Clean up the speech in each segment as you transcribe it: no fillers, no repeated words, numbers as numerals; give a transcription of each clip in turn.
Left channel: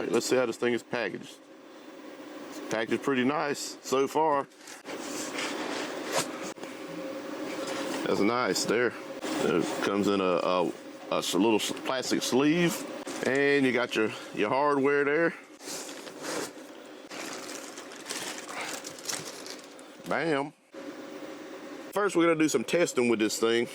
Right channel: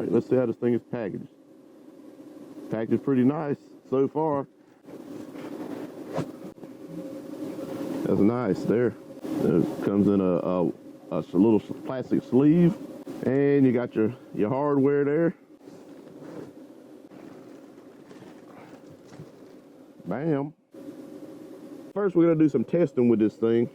right, let's see how this thing is packaged. It's packaged pretty nice so far. That's nice there. It comes in a little plastic sleeve, and you got your hardware there. Bam. First, we're gonna do some testing with this thing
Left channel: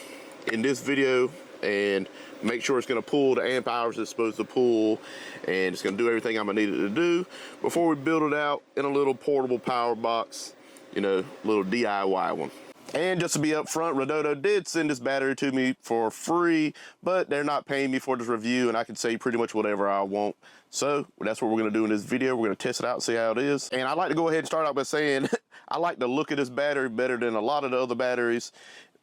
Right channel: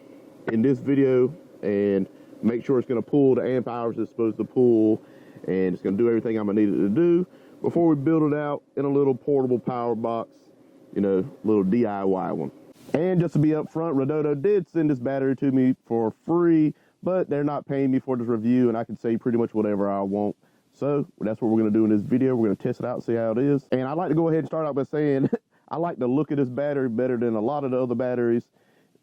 in this video and make sure it's gonna pull the amp hours it's supposed to pull, and it's gonna do everything I'm gonna need it to do before we build it out in a little portable power box, you know, little DIY one. And just to be upfront, Redodo did send this battery to me for free, but they're not paying me for this review, and I can say pretty much whatever I want. So that's what we're gonna do in this video. We're gonna test it out and see how it is. And I'd like to go ahead and start out by saying I like the look of this battery better than a lot of the other batteries.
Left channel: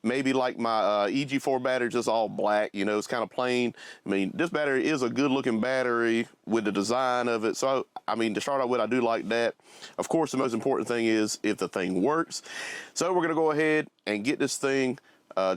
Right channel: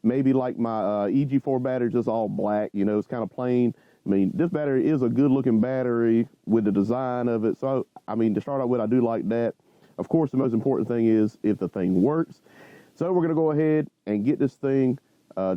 Maybe like my EG4 battery, just all black, you know, it's kind of plain. I mean, this battery is a good looking battery with the design of it. So, I mean, to start out with, I do like that. Of course, the most important thing is if the thing works. So we're gonna go ahead and get this thing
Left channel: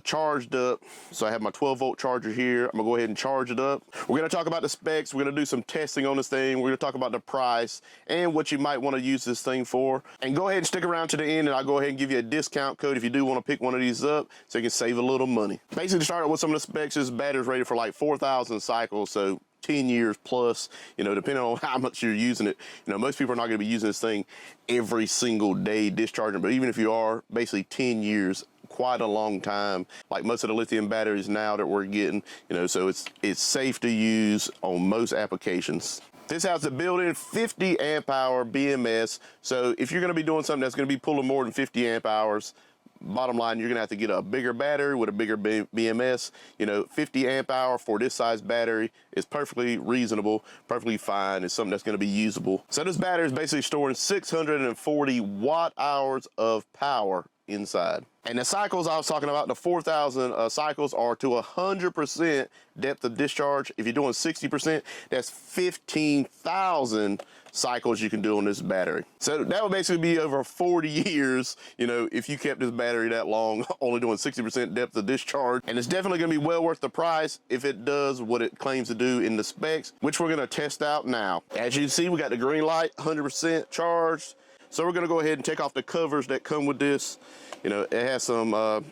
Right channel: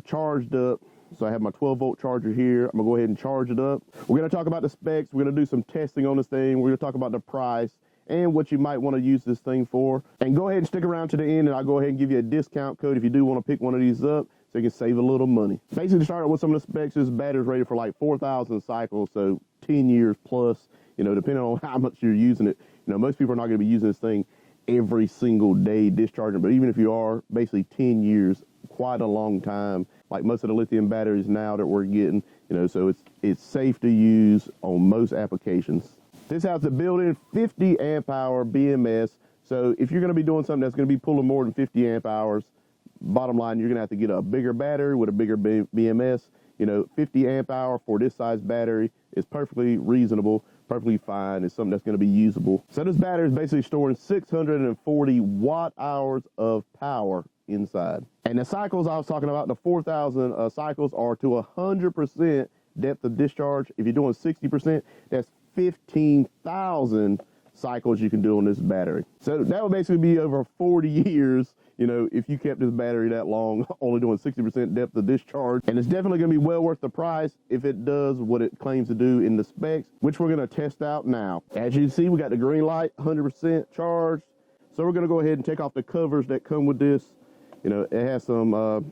charged up. So I have my 12-volt charger here. I'm gonna go ahead and charge it up. We're gonna talk about the specs. We're gonna do some testing on this thing. We're gonna talk about the price and what you might want to use this thing for. And go ahead and stick around to the end, and I'll go ahead and give you a discount code if you do want to pick one of these up, so you can save a little money. Basically, to start out with some of the specs, this battery's rated for like 4,000 cycles, so 10 years plus, you know, depending on how much you're using it. You know, most people are not going to be using this thing every single day discharging, but even if you are, basically 10 years, quite a long time, like most of the lithium batteries now that we're getting, you know, so it's safe to use on most applications. This has a built-in 50 amp hour BMS, so if you're going to be doing something that's going to be pulling more than 50 amp hours, bottom line, you're gonna have to get a bigger battery with a bigger BMS. You know, 50 amp hour for this size battery is perfectly reasonable, perfectly fine. It's something that's gonna be usable. So this battery is basically storing 640 watt hours of power inside. And the cycles I was talking about, the 4,000 cycles are to 100% depth of discharge. If you're doing 60%, that's 15,000 cycles you can do on this battery. So that would basically be over 40 years, you know, if you kept this battery that long, only doing 60% depth of discharge. And it's definitely gonna be well worth the price if it does what it claims to do in the specs, which we're gonna test out now. As you can see, we got the green light, 100% charged. So we're gonna go ahead and take off the covers that come with this. You know, it has some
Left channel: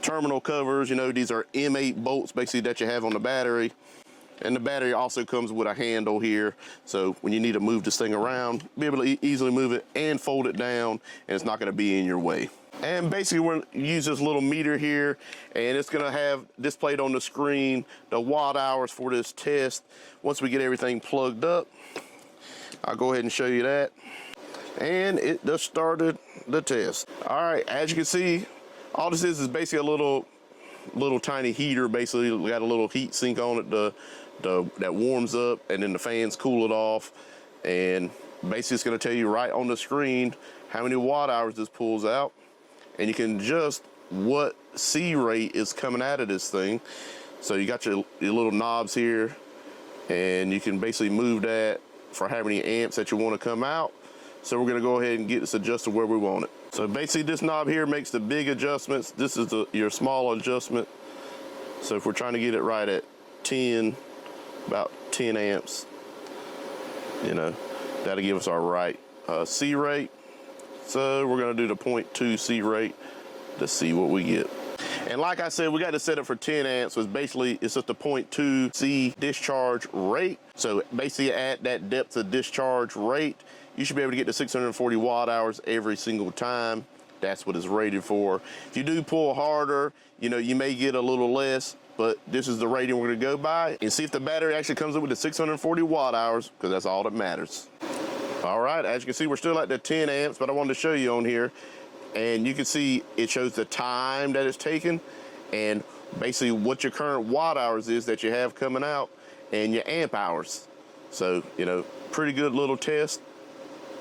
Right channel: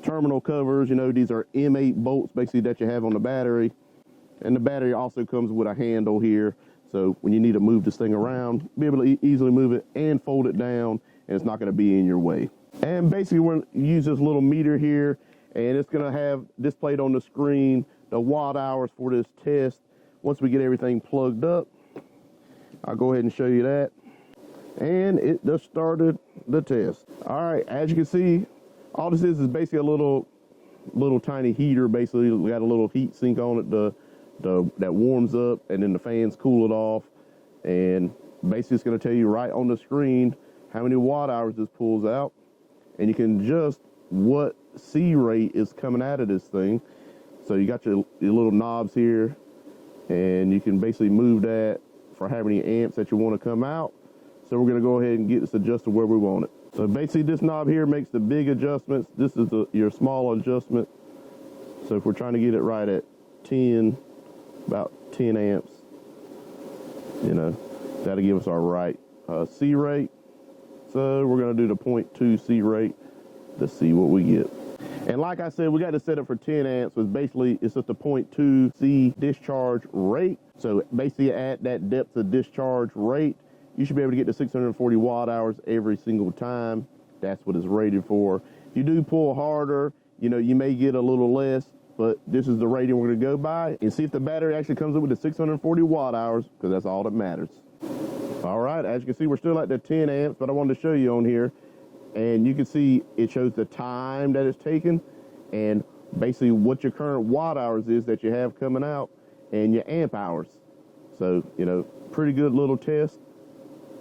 terminal covers. You know, these are M8 bolts basically that you have on the battery. And the battery also comes with a handle here. So when you need to move this thing around, be able to easily move it and fold it down, and it's not gonna be in your way. And basically we're gonna use this little meter here, and it's gonna have displayed on the screen the watt hours for this test. Once we get everything plugged up, I'll go ahead and show you that. And it just started the test. All right, as you can see, all this is basically a little tiny heater. Basically, we got a little heat sink on it that warms up, and then the fans cool it off. And basically it's gonna tell you right on the screen how many watt hours this pulls out. And you can adjust what C rate is coming out of this thing. So you got your little knobs here, and you can basically move that for how many amps that you want to come out. So we're gonna go ahead and get this adjusted where we want it. So basically this knob here makes the big adjustments. This is your small adjustment. So if we're trying to get it right at 10, about 10 amps, you know, that'll give us our right C rate. So we're gonna do the 0.2 C rate to see what we get. And like I said, we got to set it for 10 amps, so basically it's just a 0.2 C discharge rate. So basically at that depth of discharge rate, you should be able to get to 640 watt hours every single time. That's what it's rated for. If you do pull harder, you know, you may get a little less, but this is the rating we're gonna go by and see if the battery actually comes up with the 640 watt hours, because that's all that matters. All right, as you can see, we're still at the 10 amps, but I wanted to show you on here, and you can see it shows the time that it's taken and basically what your current watt hours is that you have coming out and your amp hours. So, you know, pretty good little test.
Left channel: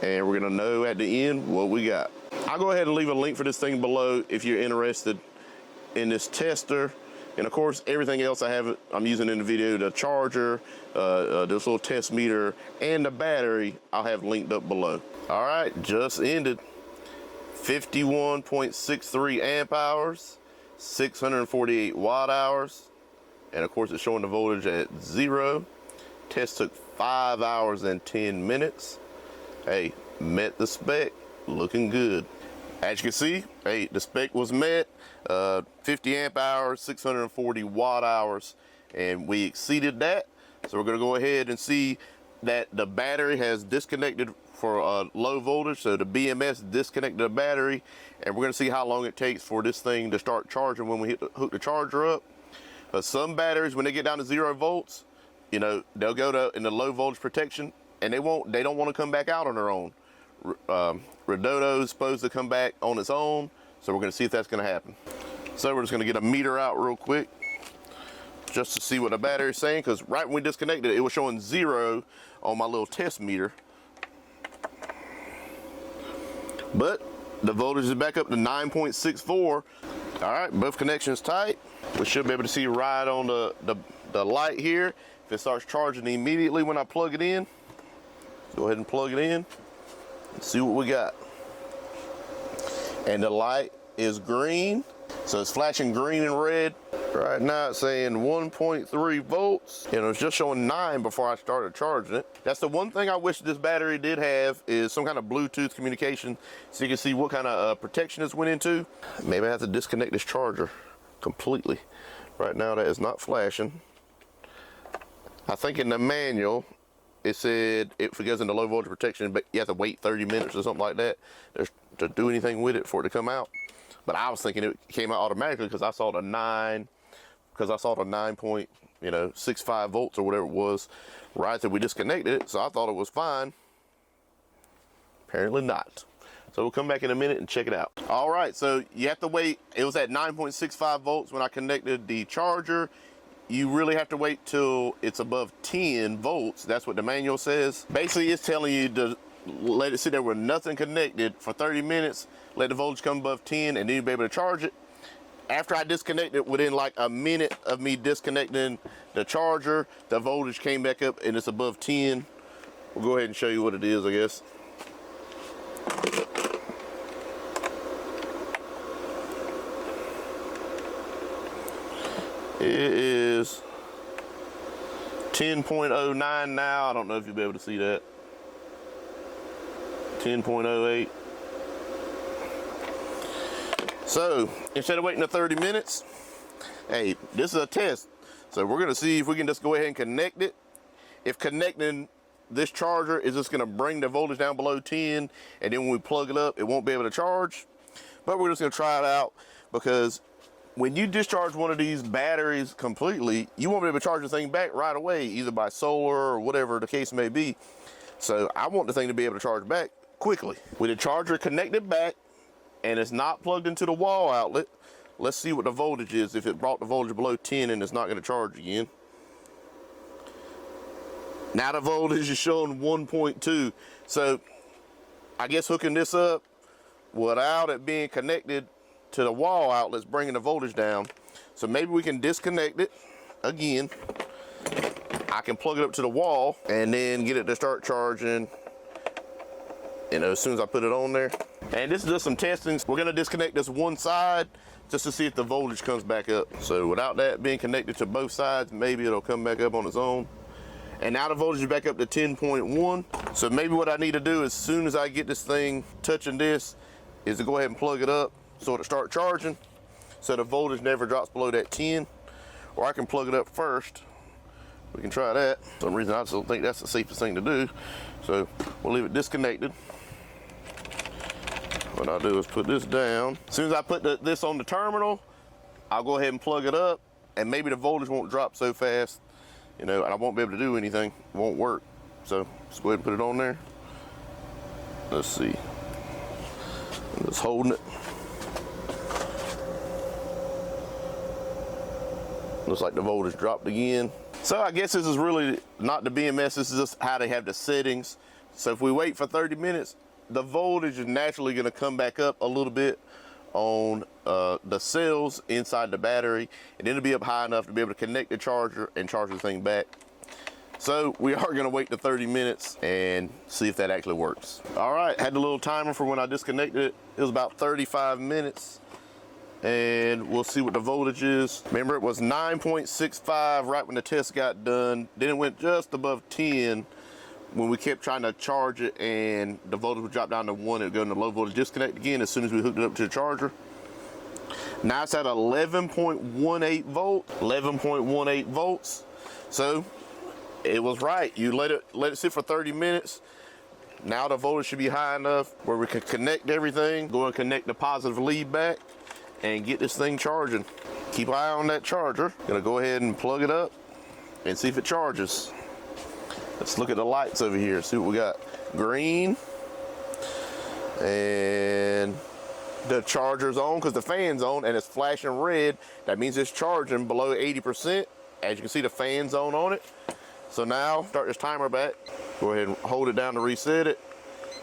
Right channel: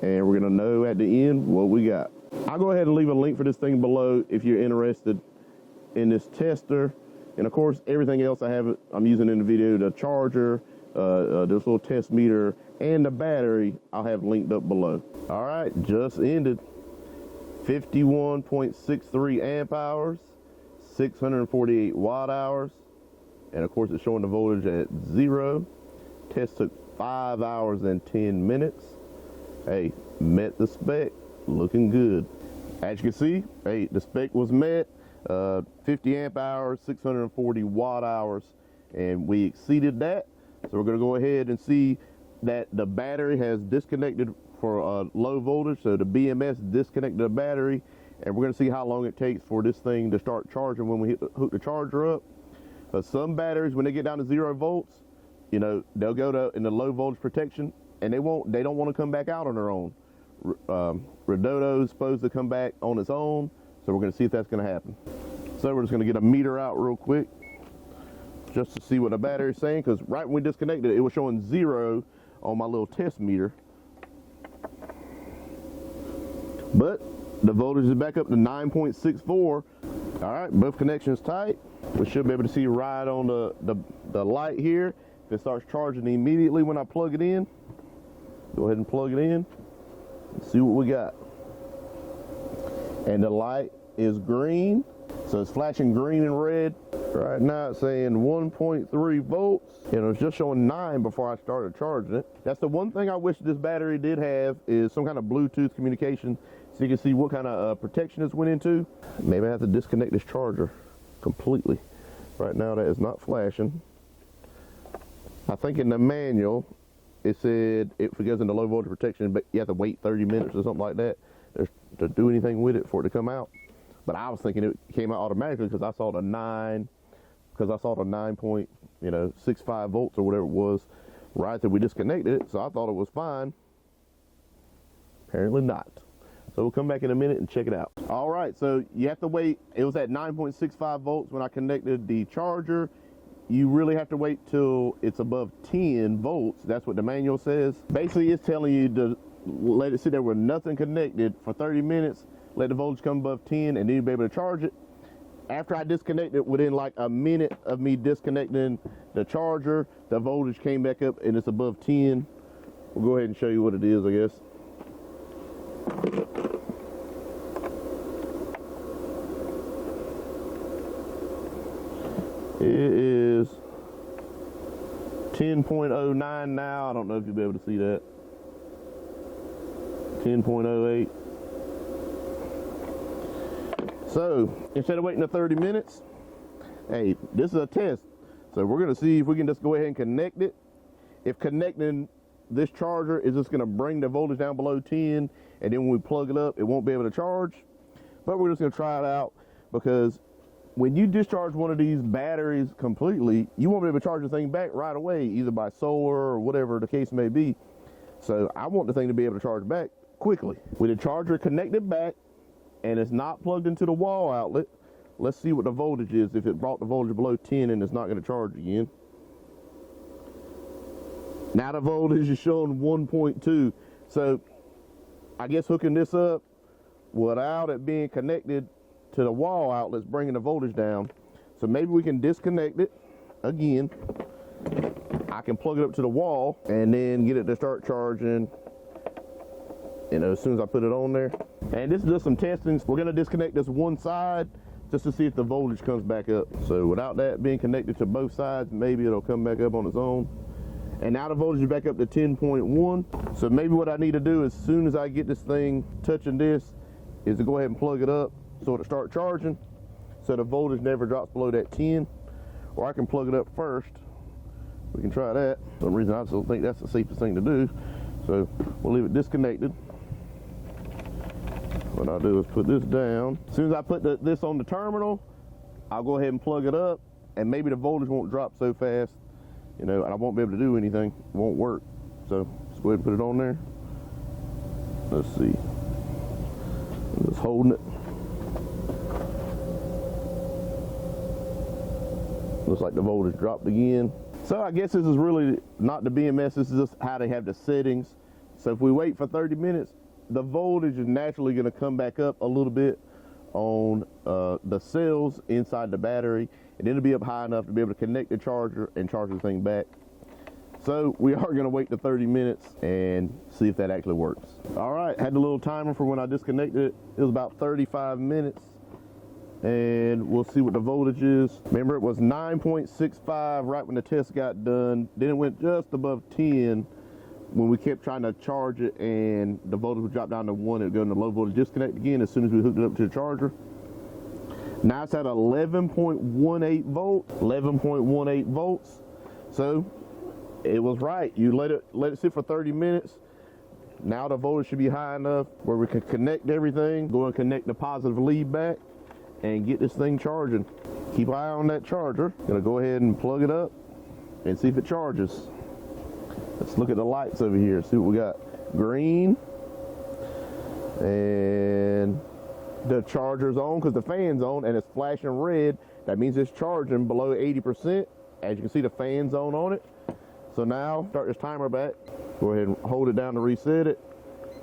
And we're gonna know at the end what we got. I'll go ahead and leave a link for this thing below if you're interested in this tester. And of course, everything else I'm using in the video, the charger, this little test meter, and the battery, I'll have linked up below. All right, just ended. 51.63 amp hours, 648 watt hours. And of course, it's showing the voltage at 0. Test took 5 hours and 10 minutes. Hey, met the spec, looking good. As you can see, hey, the spec was met, 50 amp hours, 640 watt hours, and we exceeded that. So we're gonna go ahead and see that the battery has disconnected for low voltage. So the BMS disconnected the battery, and we're gonna see how long it takes for this thing to start charging when we hook the charger up. But some batteries, when they get down to 0 volts, you know, they'll go in the low voltage protection, and they don't want to come back out on their own. Redodo is supposed to come back on its own, so we're going to see if that's going to happen. So we're just going to get a meter out real quick just to see what the battery is saying, because right when we disconnected it, it was showing 0 on my little test meter. But the voltage is back up to 9.64. All right, both connections tight. We should be able to see right on the light here if it starts charging immediately when I plug it in. Go ahead and plug it in and see what we got. And the light is green, so it's flashing green and red. Right now it's saying 1.3 volts, and it was just showing 9 before I started charging it. That's the one thing I wish this battery did have, is some kind of Bluetooth communication so you can see what kind of protection this went into. Maybe I have to disconnect this charger completely. Right now that is not flashing. I think in the manual it said if it goes into low voltage protection, but you have to wait 30 minutes or something like that to do anything with it for it to come out. But I was thinking it came out automatically because I saw the 9.65 volts or whatever it was right after we disconnected it, so I thought it was fine. Apparently not. So we'll come back in a minute and check it out. All right, so you have to wait. It was at 9.65 volts when I connected the charger. You really have to wait till it's above 10 volts. That's what the manual says. Basically, it's telling you to let it sit there with nothing connected for 30 minutes, let the voltage come above 10, and then you'll be able to charge it. After I disconnected, within like a minute of me disconnecting the charger, the voltage came back up and it's above 10. We'll go ahead and show you what it is, I guess. It is 10.09 now. I don't know if you'll be able to see that. 10.08. So instead of waiting 30 minutes, hey, this is a test. So we're gonna see if we can just go ahead and connect it. If connecting this charger is just gonna bring the voltage down below 10, and then when we plug it up, it won't be able to charge. But we're just gonna try it out, because when you discharge one of these batteries completely, you won't be able to charge the thing back right away, either by solar or whatever the case may be. So I want the thing to be able to charge back quickly. With the charger connected back and it's not plugged into the wall outlet, let's see what the voltage is, if it brought the voltage below 10 and it's not going to charge again. Now the voltage is showing 1.2. So I guess hooking this up without it being connected to the wall outlets, bringing the voltage down. So maybe we can disconnect it again. I can plug it up to the wall and then get it to start charging, you know, as soon as I put it on there. And this is just some testing. We're gonna disconnect this one side just to see if the voltage comes back up. So without that being connected to both sides, maybe it'll come back up on its own. And now the voltage is back up to 10.1. So maybe what I need to do as soon as I get this thing touching this is to go ahead and plug it up so it'll start charging, so the voltage never drops below that 10. Or I can plug it up first. We can try that. For some reason I still think that's the safest thing to do. So we'll leave it disconnected. What I'll do is put this down. As soon as I put this on the terminal, I'll go ahead and plug it up, and maybe the voltage won't drop so fast, you know, and I won't be able to do anything. It won't work. So let's go ahead and put it on there. Let's see. I'm just holding it. Looks like the voltage dropped again. So I guess this is really not the BMS, this is just how they have the settings. So if we wait for 30 minutes, the voltage is naturally gonna come back up a little bit on the cells inside the battery, and then it'll be up high enough to be able to connect the charger and charge the thing back. So we are gonna wait the 30 minutes and see if that actually works. All right, had the little timer for when I disconnected it. It was about 35 minutes. and we'll see what the voltage is. Remember, it was 9.65 right when the test got done. Then it went just above 10 when we kept trying to charge it, and the voltage would drop down to 1. It would go into low voltage disconnect again as soon as we hooked it up to the charger. Now it's at 11.18 volts. 11.18 volts. So it was right. You let it sit for 30 minutes. Now the voltage should be high enough where we can connect everything, go and connect the positive lead back, and get this thing charging. Keep an eye on that charger. Gonna go ahead and plug it up and see if it charges. Let's look at the lights over here, see what we got. Green, and the charger's on because the fan's on and it's flashing red. That means it's charging below 80%. As you can see, the fan's on it. So now start this timer back. Go ahead and hold it down to reset it.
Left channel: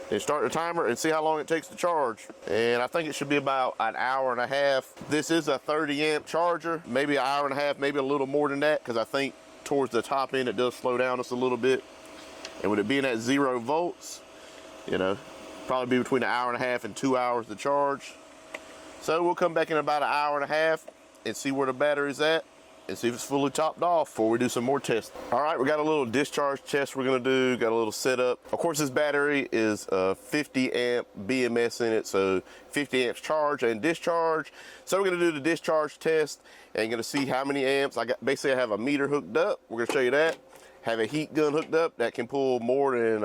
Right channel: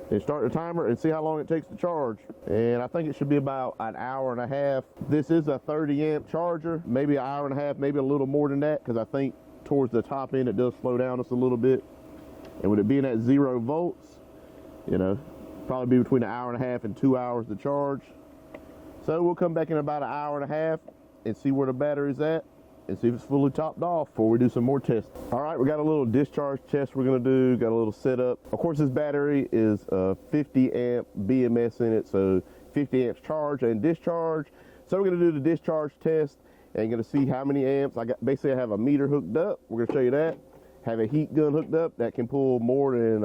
Then start the timer and see how long it takes to charge. And I think it should be about an hour and a half. This is a 30 amp charger, maybe an hour and a half, maybe a little more than that, because I think towards the top end it does slow down just a little bit. And with it being at 0 volts, you know, probably be between an hour and a half and 2 hours to charge. So we'll come back in about an hour and a half and see where the battery's at and see if it's fully topped off before we do some more tests. All right, we got a little discharge test we're gonna do, got a little setup. Of course, this battery is a 50 amp BMS in it, so 50 amps charge and discharge. So we're gonna do the discharge test and gonna see how many amps. Basically I have a meter hooked up. We're gonna show you that. Have a heat gun hooked up that can pull more than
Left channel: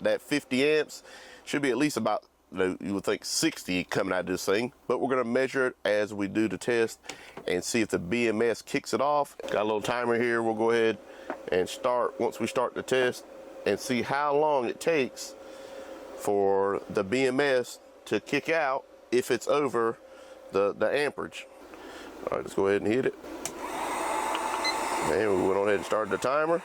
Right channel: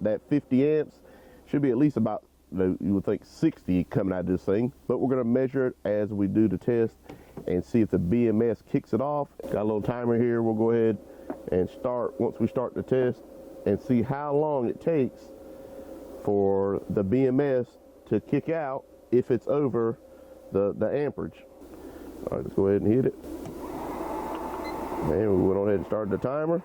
that 50 amps. Should be at least about, you would think, 60 coming out of this thing, but we're gonna measure it as we do the test and see if the BMS kicks it off. Got a little timer here. We'll go ahead and start once we start the test and see how long it takes for the BMS to kick out if it's over the amperage. All right, let's go ahead and hit it. And we went on ahead and started the timer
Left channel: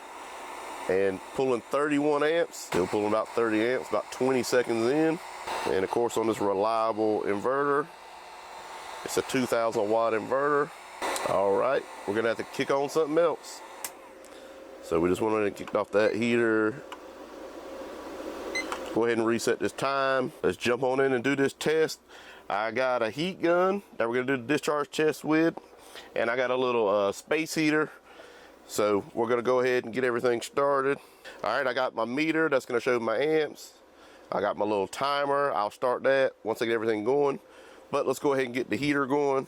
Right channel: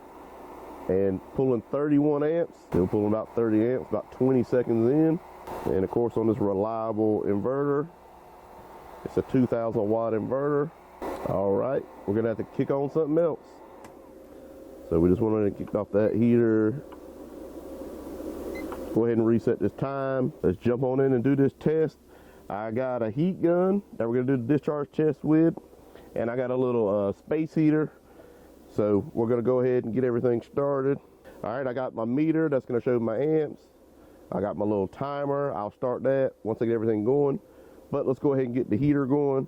and pulling 31 amps, still pulling about 30 amps, about 20 seconds in. And of course on this reliable inverter, it's a 2000 watt inverter. All right, we're gonna have to kick on something else. So we just went on and kicked off that heater. Go ahead and reset this time. Let's jump on in and do this test. I got a heat gun that we're gonna do the discharge test with, and I got a little space heater. So we're gonna go ahead and get everything started. All right, I got my meter that's gonna show my amps. I got my little timer. I'll start that once I get everything going. But let's go ahead and get the heater going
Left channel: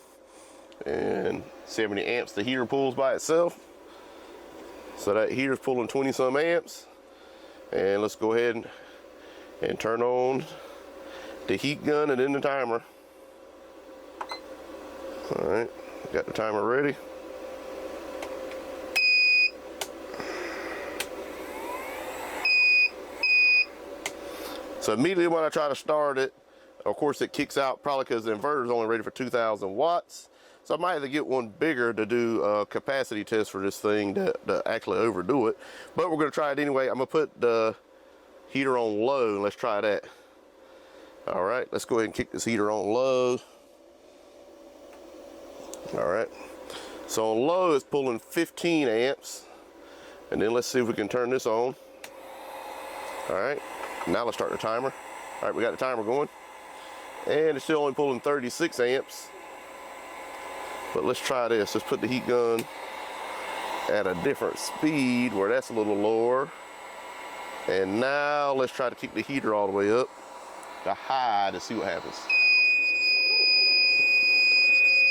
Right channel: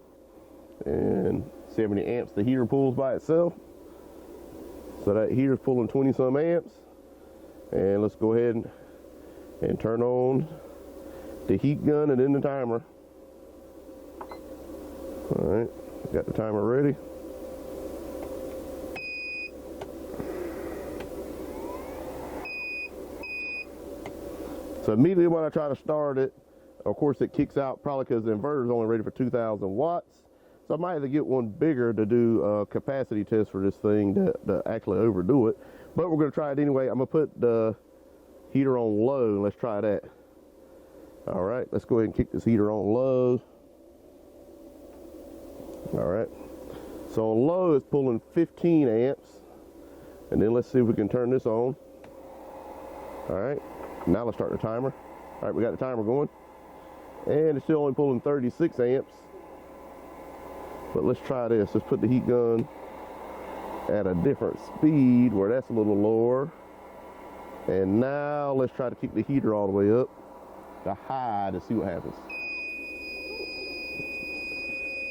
and see how many amps the heater pulls by itself. So that heater's pulling 20 some amps. And let's go ahead and turn on the heat gun and then the timer. All right, got the timer ready. So immediately when I try to start it, of course it kicks out, probably because the inverter is only rated for 2000 watts. So I might have to get one bigger to do a capacity test for this thing to actually overdo it. But we're gonna try it anyway. I'm gonna put the heater on low and let's try that. All right, let's go ahead and kick this heater on low. All right, so on low it's pulling 15 amps. And then let's see if we can turn this on. All right. Now let's start the timer. All right, we got the timer going. And it's still only pulling 36 amps. But let's try this. Let's put the heat gun at a different speed where that's a little lower. And now let's try to keep the heater all the way up to high to see what happens.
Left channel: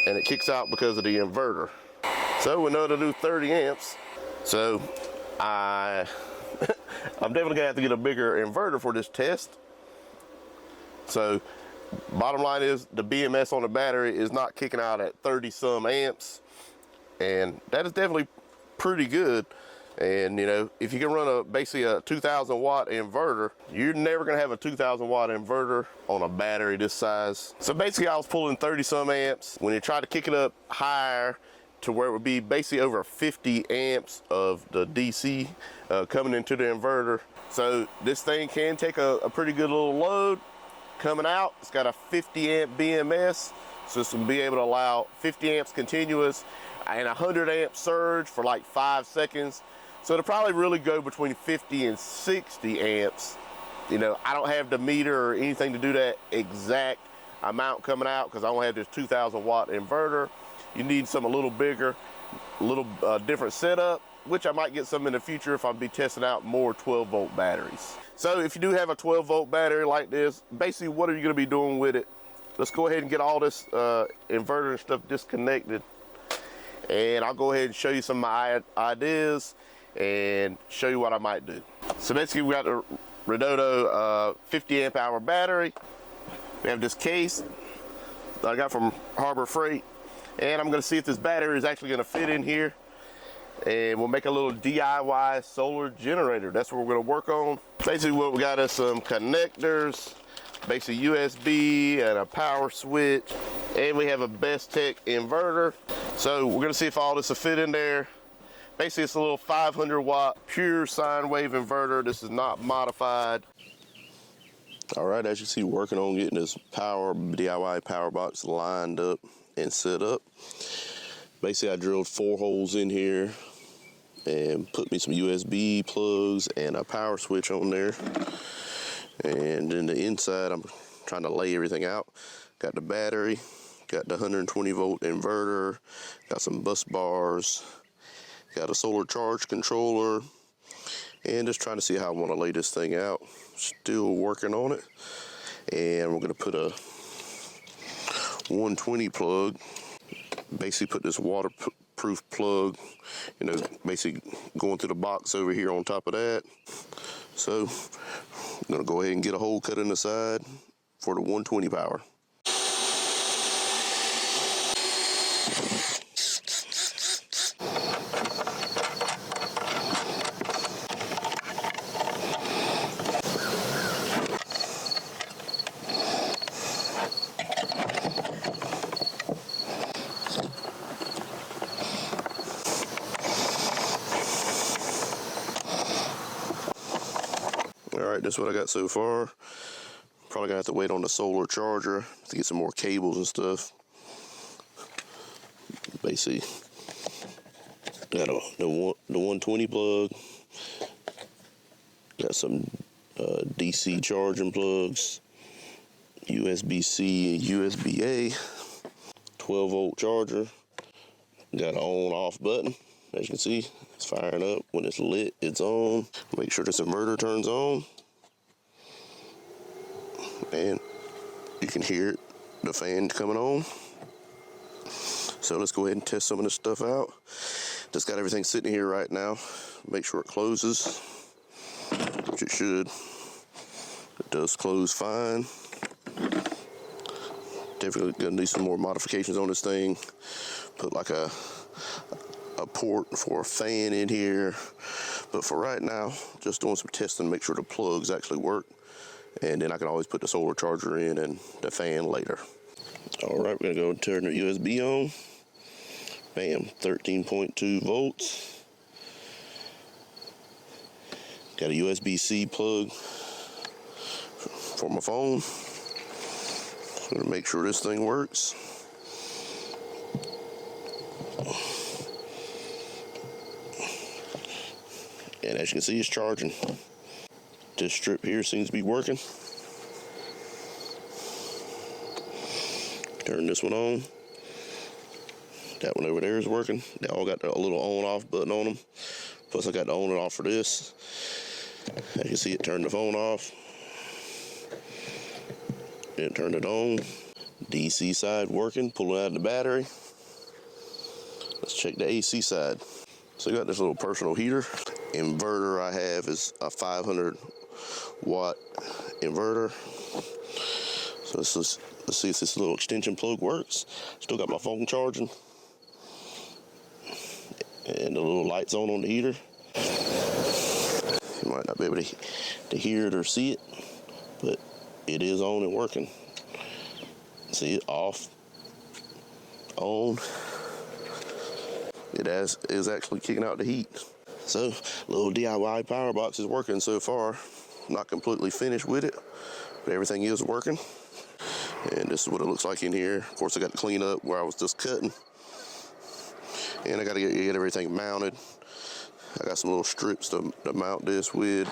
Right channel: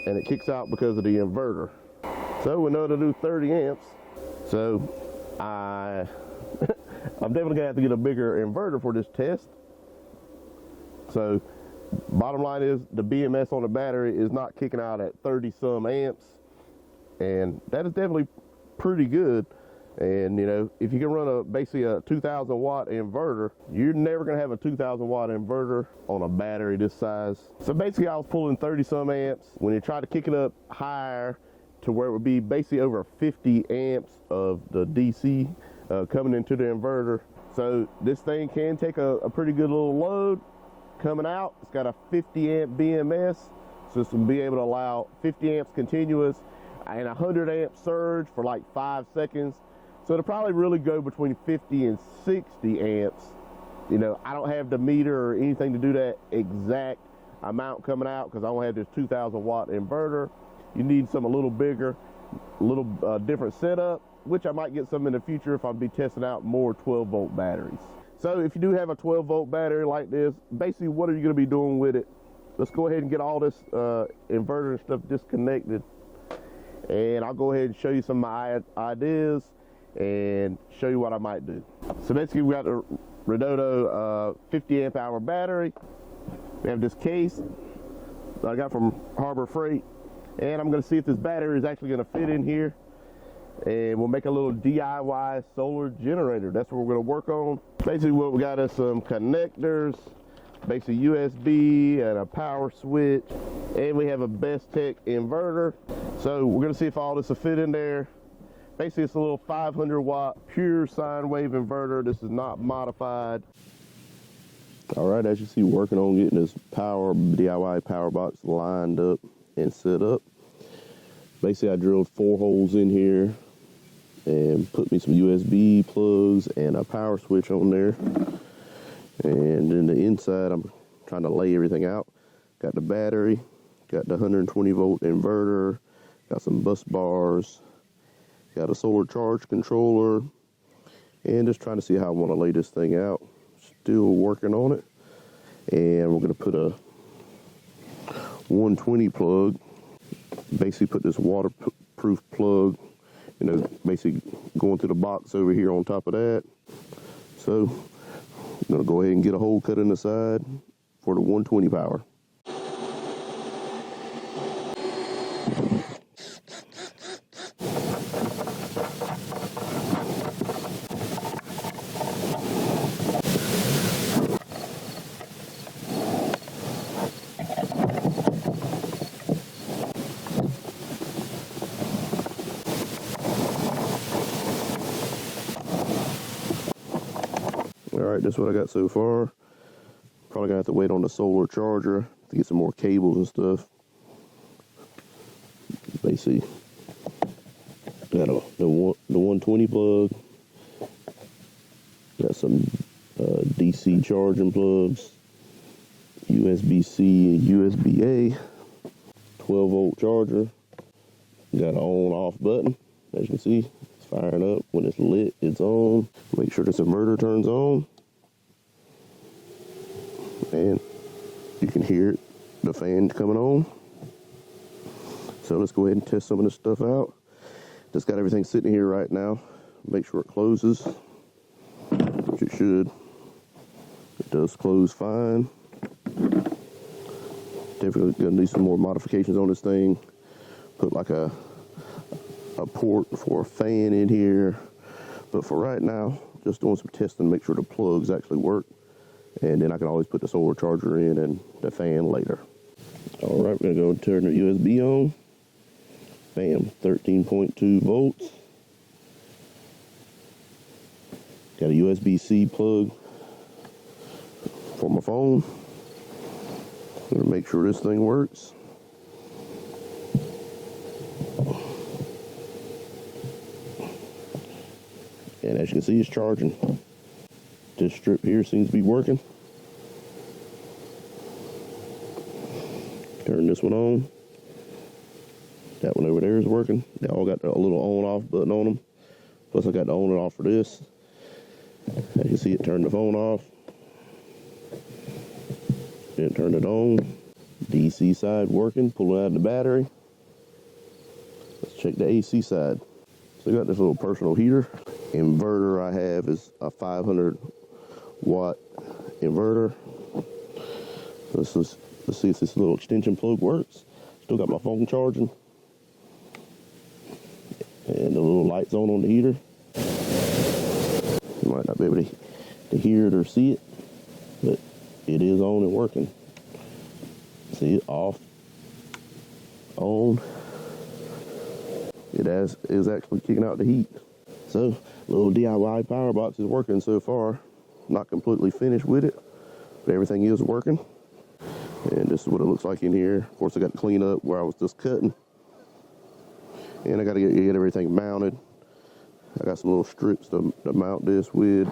And it kicks out because of the inverter. So we know to do 30 amps. So I'm definitely gonna have to get a bigger inverter for this test. So bottom line is the BMS on the battery is not kicking out at 30 some amps. And that is definitely pretty good. And you know, if you can run basically a 2000 watt inverter, you're never gonna have a 2000 watt inverter on a battery this size. So basically I was pulling 30 some amps. When you try to kick it up higher to where it would be basically over 50 amps of the DC coming into the inverter. So this thing can take a pretty good little load coming out. It's got a 50 amp BMS, so this will be able to allow 50 amps continuous and 100 amp surge for like 5 seconds. So it'll probably really go between 50 and 60 amps. You know, I don't have the meter or anything to do that exact amount coming out because I only have this 2,000 watt inverter. You need something a little bigger, a little different setup, which I might get some in the future if I'll be testing out more 12 volt batteries. So if you do have a 12 volt battery like this, basically what are you going to be doing with it? Let's go ahead and get all this inverter and stuff disconnected, and I'll go ahead and show you some of my ideas and show you what I might do. So basically we got the Redodo 50 amp hour battery. We have this case that I got from Harbor Freight, and I'm going to see if this battery is actually going to fit in here, and we'll make a little DIY solar generator. That's what we're going to work on. Basically what we got is some connectors, basically USB and a power switch, and we have a Best Tech inverter. So we're going to see if all this will fit in there. Basically it's a little 500 watt pure sine wave inverter. This is not modified. All right, as you see, working on getting this DIY power box lined up and set up. Basically I drilled 4 holes in here and put me some USB plugs and a power switch on there. And in the inside, I'm trying to lay everything out. Got the battery, got the 120 volt inverter, got some bus bars, got a solar charge controller, and just trying to see how I want to lay this thing out. Still working on it. And we're going to put a 120 plug, basically put this waterproof plug, you know, basically going through the box over here on top of that. So I'm going to go ahead and get a hole cut in the side for the 120 power. All right, that's what I got so far. Probably gonna have to wait on the solar charger to get some more cables and stuff. Basically, got the 120 plug. Got some DC charging plugs, USB-C and USB-A, 12 volt charger. Got an on-off button. As you can see, it's firing up. When it's lit, it's on. Make sure this inverter turns on. And you can hear it, the fan coming on. So let's go ahead and test some of this stuff out. Just got everything sitting here right now. Make sure it closes, which it should. It does close fine. Definitely gonna need some more modifications on this thing. Put like a port for a fan in here. But for right now, just doing some testing to make sure the plugs actually work. And then I can always put the solar charger in and the fan later. All right, we're gonna go and turn the USB on. Bam, 13.2 volts. Got a USB-C plug for my phone. Gonna make sure this thing works. And as you can see, it's charging. This strip here seems to be working. Turn this one on. That one over there is working. They all got a little on-off button on them. Plus I got the on and off for this. As you can see, it turned the phone off. Then turn it on. DC side working, pulling out the battery. Let's check the AC side. So we got this little personal heater. Inverter I have is a 500 watt inverter. So let's see if this little extension plug works. Still got my phone charging. And the little light's on the heater. You might not be able to hear it or see it, but it is on and working. See it off, on. It is actually kicking out the heat. So, little DIY power box is working so far. Not completely finished with it, but everything is working. And this is what it looks like in here. Of course, I got to clean up where I was just cutting. And I got to get everything mounted. I got some little strips to mount this with.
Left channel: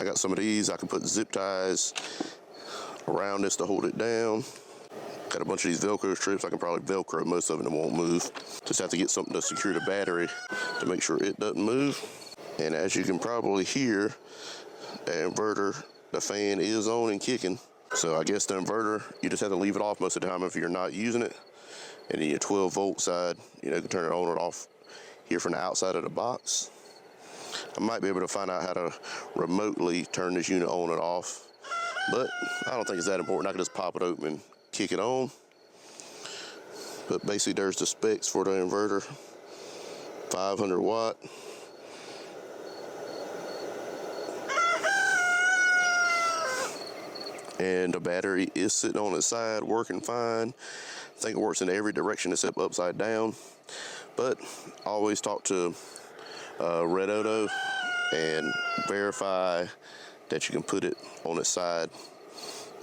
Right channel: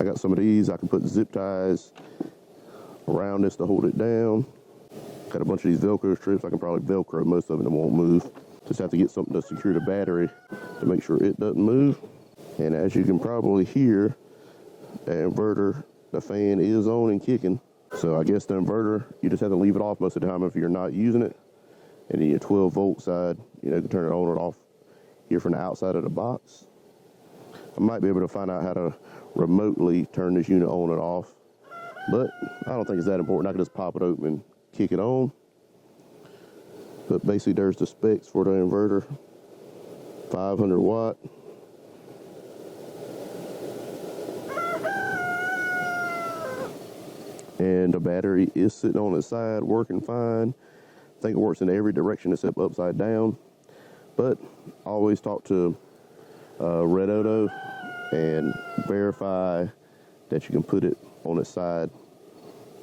I got some of these. I can put zip ties around this to hold it down. Got a bunch of these Velcro strips. I can probably Velcro most of them, it won't move. Just have to get something to secure the battery to make sure it doesn't move. And as you can probably hear, the inverter, the fan is on and kicking. So I guess the inverter, you just have to leave it off most of the time if you're not using it. And then your 12 volt side, you know, you can turn it on or off here from the outside of the box. I might be able to find out how to remotely turn this unit on and off, but I don't think it's that important. I can just pop it open and kick it on. But basically there's the specs for the inverter. 500 watt. And the battery is sitting on its side, working fine. I think it works in every direction except upside down. But always talk to Redodo and verify that you can put it on its side,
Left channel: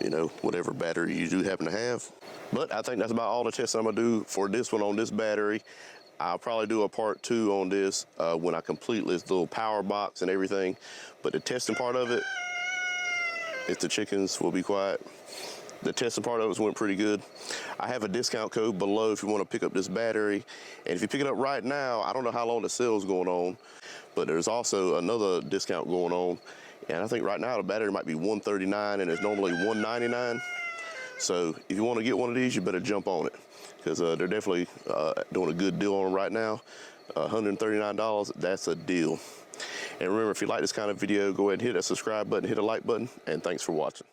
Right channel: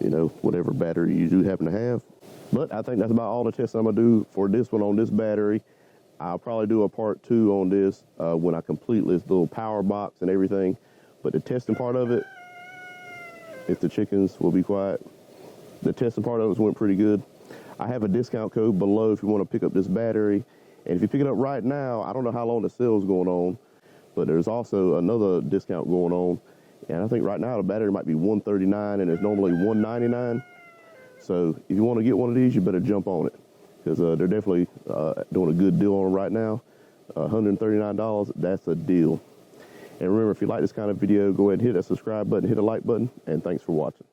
you know, whatever battery you do happen to have. But I think that's about all the tests I'm gonna do for this one on this battery. I'll probably do a part 2 on this when I complete this little power box and everything. But the testing part of it, if the chickens will be quiet, the testing part of it went pretty good. I have a discount code below if you want to pick up this battery. And if you pick it up right now, I don't know how long the sale is going on, but there's also another discount going on. And I think right now the battery might be $139 and it's normally $199. So if you want to get one of these, you better jump on it, because they're definitely doing a good deal on them right now. $139, that's a deal. And remember, if you like this kind of video, go ahead and hit that subscribe button, hit a like button, and thanks for watching.